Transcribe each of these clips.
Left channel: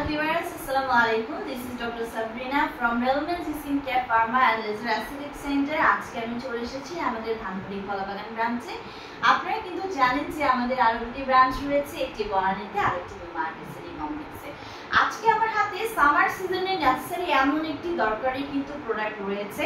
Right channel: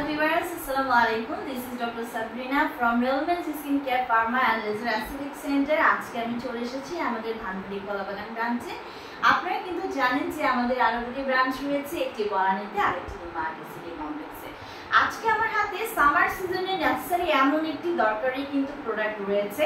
Hello viewers, Assalamu alaikum. This is Dr. Sabrina from Relevance Skincare Pharma and Laser Aesthetic Center. আজকে আমি চলে এসেছি আমাদের ধানবাড়ি কলাবাগান ব্রাঞ্চে। আপনারা কিন্তু জানেন যে আমাদের আরো দুটি ব্রাঞ্চ রয়েছে, একটি বনানীতে আর একটি নিউ মার্কেট সিটি কমপ্লেক্সে। আজকে আমার হাতে সামার সিজনে নেসেসারি এমন একটি দরকারি কিন্তু প্রোডাক্ট রয়েছে।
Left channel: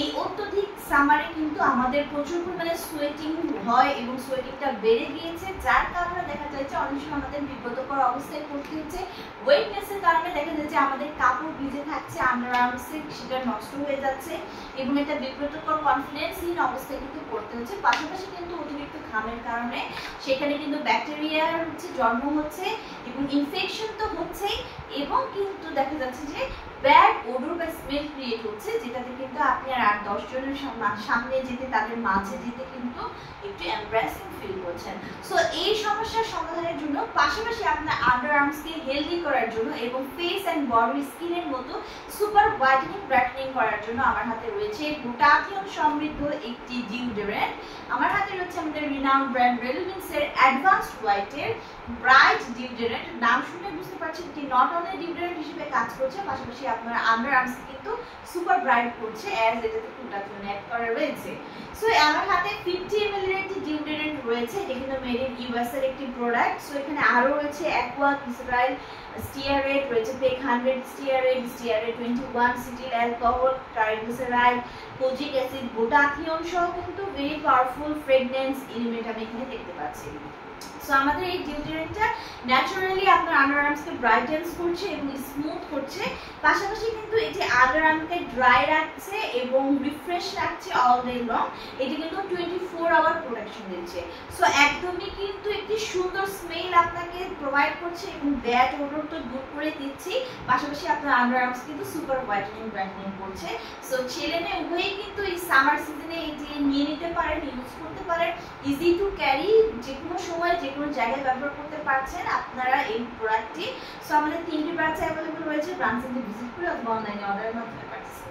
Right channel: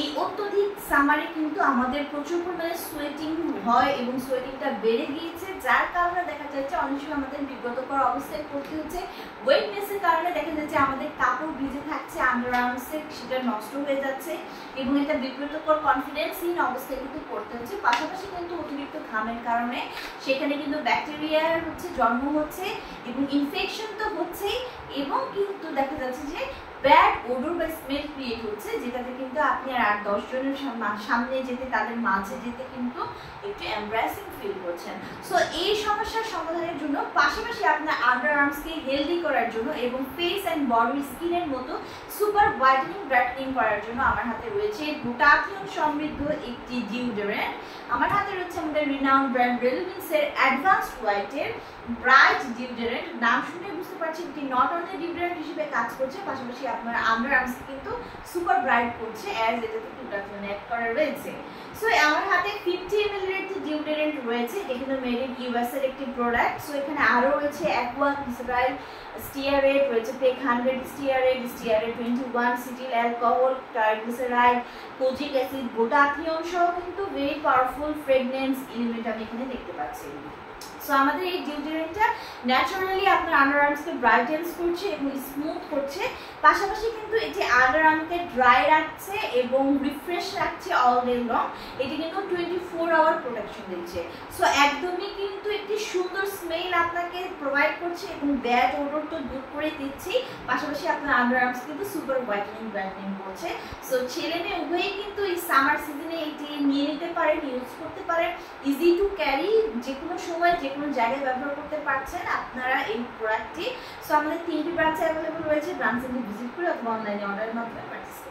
এই অত্যধিক সামারে কিন্তু আমাদের প্রচুর পরিমাণে সোয়েটিং হয় এবং সোয়েটিংটা বেড়ে গিয়েছে, যার কারণে দেখা যাচ্ছে অনেক সময় আমাদের বিব্রতকর অবস্থায় পড়তে হচ্ছে। ওয়েটনেসের কারণে দেখা যাচ্ছে আমাদের কাপড় ভিজে থাকছে, আন্ডারআর্মসে সেটা নষ্ট হয়ে যাচ্ছে এবং এটা বিব্রতকর কনফিডেন্সহীন অবস্থায় কিন্তু পড়তে হচ্ছে। পাশাপাশি কিন্তু অতিরিক্ত ঘামের কারণে সেখানে কিন্তু ব্যাকটেরিয়ার জন্ম হচ্ছে এবং ইনফেকশন তো হচ্ছেই, এবং কিন্তু দেখা যাচ্ছে যে ব্যাড ওডর বা স্মেল ক্রিয়েট হচ্ছে, যেটাতে কিন্তু আপনি আর 10 জনের সামনে যেতে, তাদের মাঝে যেতে কিন্তু একটু এমব্রেসিং ফিল করছেন। সো এই সমস্যার সমাধানের জন্য, পাশাপাশি আপনার আন্ডারআর্মসকে হেলদি করার জন্য এবং ফেস অ্যান্ড বডি স্কিনের মতো সুপার হোয়াইটেনিং ব্রাইটেনিং করার জন্য আমার হাতে রয়েছে গ্লুটাথিয়ন সমৃদ্ধ একটি ডিওডোরেন্ট। আমার হাতে রয়েছে আমাদের রিনাউন্ড ব্র্যান্ড রেলভিন্সের অ্যাডভান্সড হোয়াইটের ব্রাইট ডিওডোরেন্ট। নাম শুনে বুঝতে পারছেন এটি নট অনলি ডিওডোরেন্ট হিসেবে কাজ করছে, পাশাপাশি আপনার আন্ডারআর্মসকে কিন্তু সুপার ব্রাইট করছে, অ্যাজ এটাতে গ্লুটাথিয়ন অ্যাড করা রয়েছে। সো আমার হাতে 50 ml এর একটি ডিওডোরেন্ট রয়েছে, এটা কিন্তু মেড ইন ইউএস এর একটি প্রোডাক্ট। সো এখানে আরো রয়েছে অ্যাকোয়া, গ্লিসারাইল, স্টিয়ারেট রয়েছে, PEG 100 stearate, stearate 21, cetyl alcohol, triglyceride, kojic acid, glutathione সহ কিন্তু ভেরি পাওয়ারফুল ফ্রেগনেন্স এলিমেন্ট আমি এখানে দেখতে পাচ্ছি। সো আমাদের এই ডিওডোরেন্টটা ন্যাচারালি আপনার আন্ডারআর্মসকে ব্রাইটেন্স করছে এবং স্মুথ করছে, পাশাপাশি কিন্তু এটি আন্ডারআর্মকে ড্রাই রাখছে এবং রিফ্রেশ রাখছে অল ডে লং। এটি কিন্তু 24 আওয়ার প্রোটেকশন দিচ্ছে। সো একদমই কিন্তু একটি সুন্দর স্মেল আপনাকে প্রোভাইড করছে এবং ব্যাড ওডর তো দূর করে দিচ্ছি, পাশাপাশি আপনার আন্ডারআর্মস কিন্তু সুপার হোয়াইটেনিং ব্রাইটেনিং করছে। সো ছেলে মেয়ে উভয়ই কিন্তু এই সামার সিজনে এটি নিয়ে নিতে পারেন, ইউজ করতে পারেন, ইজি টু ক্যারি, যে কোনো সময় যে কোনো জায়গায় ব্যবহার করতে পারছেন আপনারা এই প্রোডাক্টটি। সো আমাদের 3টি ব্রাঞ্চে অ্যাভেলেবল রয়েছে, ব্রাঞ্চে ভিজিট করে অথবা অনলাইনে অর্ডারের মাধ্যমে পাচ্ছেন।